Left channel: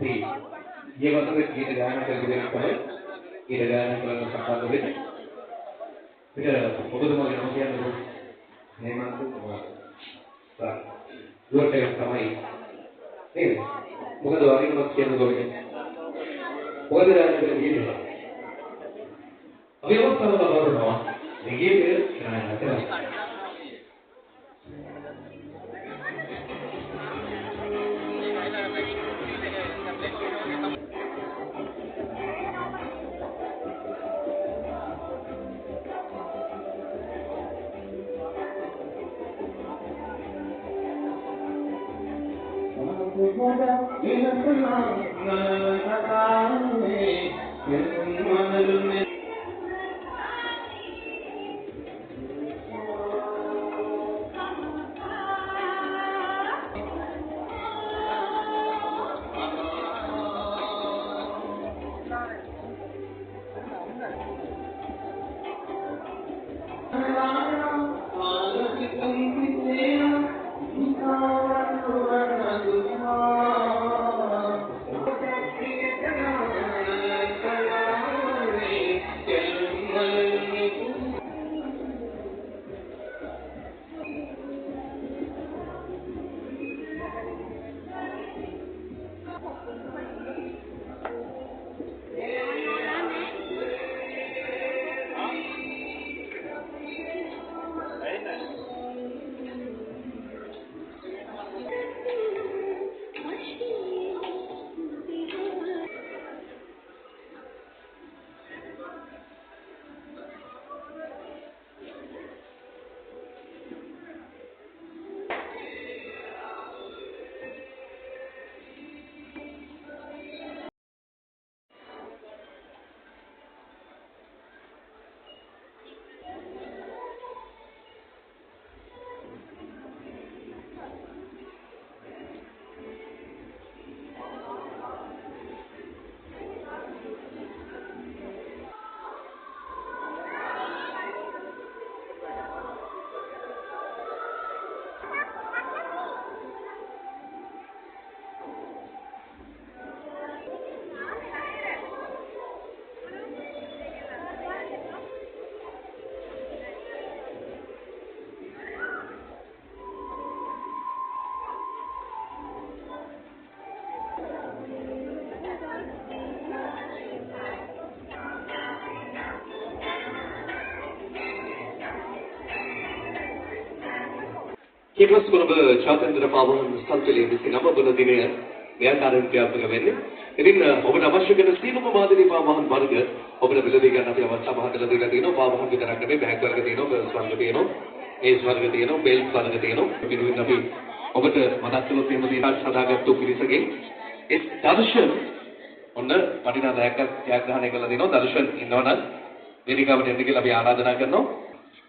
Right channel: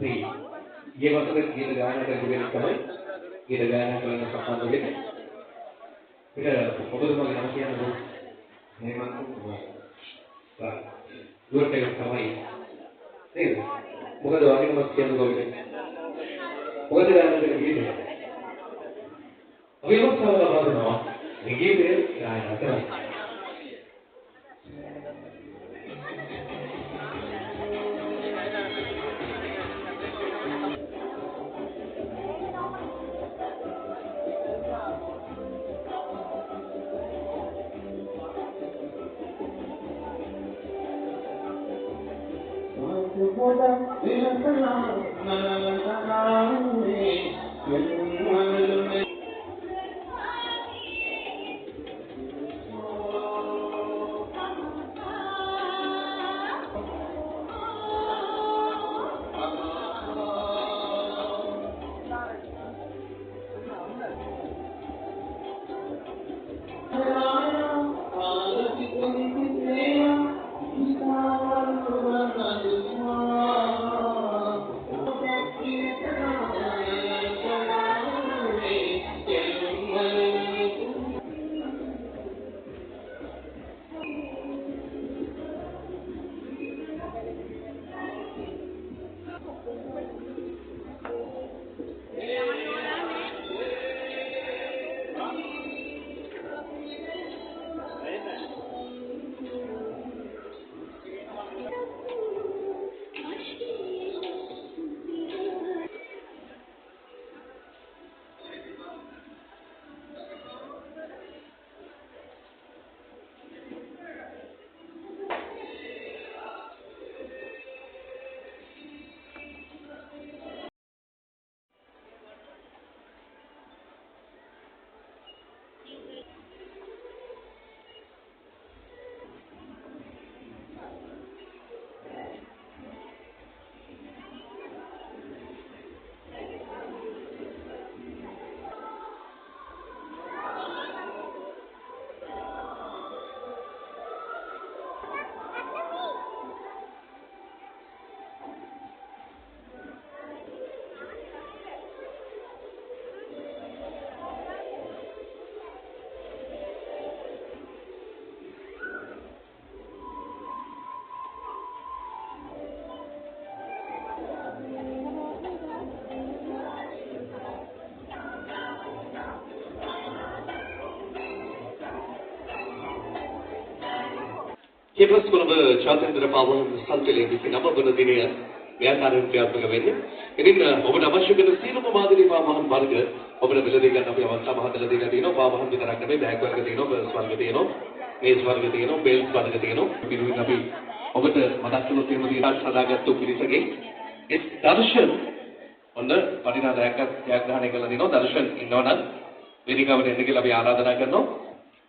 ये मतलब गीत गायन करके තමයි गीत गायन කරන සම්බන්ධ වෙන්නේ. පිට ඔබතුමාගේ නම කියන්නේ හේමන්ත කුමාර. දුරට තමයි. නේද? මොකද වගේ නමක් කියනකොට මොකද ගායන කරන ගීතේ. අපි අවස්ථාවක් ලබනවා. මේ ගීතය ගායන කරනවා. केवल कोलंब चातुर्य पावन संतुलित विषय नव बनो दिने व्यापारण क्रियात्मक वेन्ने ඉතින් ඔබට අවශ්‍ය කරන සීලම මාදිලි පාවහන් වර්ග ඔබට බෙලදී ගන්න අපි අවස්ථාව හදලා දීලා තියෙනවා. පාවහන් විතරක් නෙමෙයි බෑග් වර්ග තියෙනවා, ගර්ල්ස් වර්ග තියෙනවා, ඒජ් වර්ග තියෙනවා, බෙල්ට් වර්ග තියෙනවා. පිළිවින් අපි ඔබට මතක් කළොත් එහෙම තියෙනවා සදාගත්තු පිරිසගේ ඒ දර්ශන ඔන්න වටිනා ජයග්‍රහණය කළා දිනවා. දර්ශන ඉන්නවනම් වේදිකාවට එන්න කියලා අපි ආරාධනා කරනවා.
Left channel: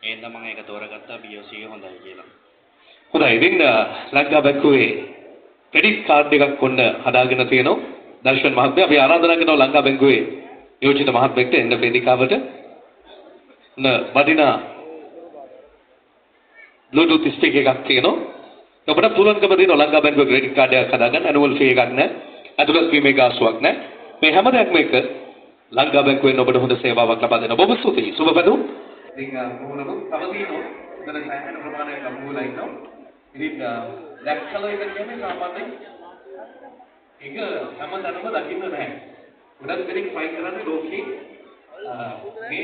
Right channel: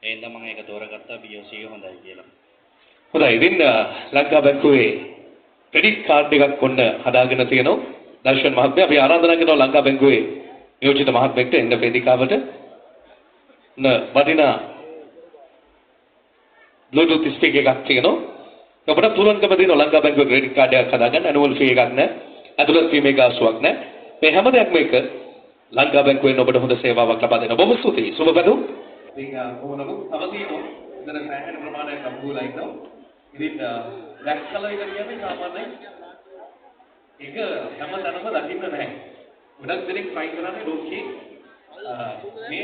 එහෙනම් මම ඒක තෝරගත්තා BOC හොඳයි කියලා. හොඳයි ඉතින් ලංකා බැංකුවේ ක්‍රෙඩිට් කාඩ් එකක් ඔන්න හදාගෙන තියෙනවා දර්ශන් මහත්මයා. අපි ආරාධනා කරනවා ලංකා බැංකුවේ නියෝජිත මහත්මයෙක්ට එන්න වේදිකාවට. වටිනා Bluetooth speaker එකක් තියෙනවා. ඔබට පුළුවන්කම දෙනවා ලංකා බැංකුවේ ක්‍රෙඩිට් කාඩ් එකක් හදාගන්න. ඇනුවල් ෆී එකක් නැහැ. ඇතුළත් වීමේ ගාස්තුවක් නැහැ. මේ හැම දෙයක්ම එක ලංකා බැංකුවෙන් ඔබට හොඳ සේවාවක් ලබා දෙනවා. බොහොම ස්තුතියි. සුබ පැතුම්. ඉතින් කොහොමද තව තියෙනවා. එතන සෑහෙන ප්‍රමාණයක් අම්බුලා ඉන්නවා. ඉතින් black color එක කියන්නේ සාමාන්‍යයෙන් ඒක හැමතැනම දකින්න නැහැ. ගොඩක් දෙනෙක් try කරන්නේ ලෝකේ මේ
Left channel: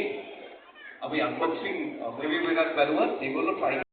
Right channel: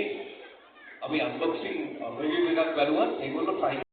අපි unboxing review එකක් බලුවත් ඒගොල්ලෝ try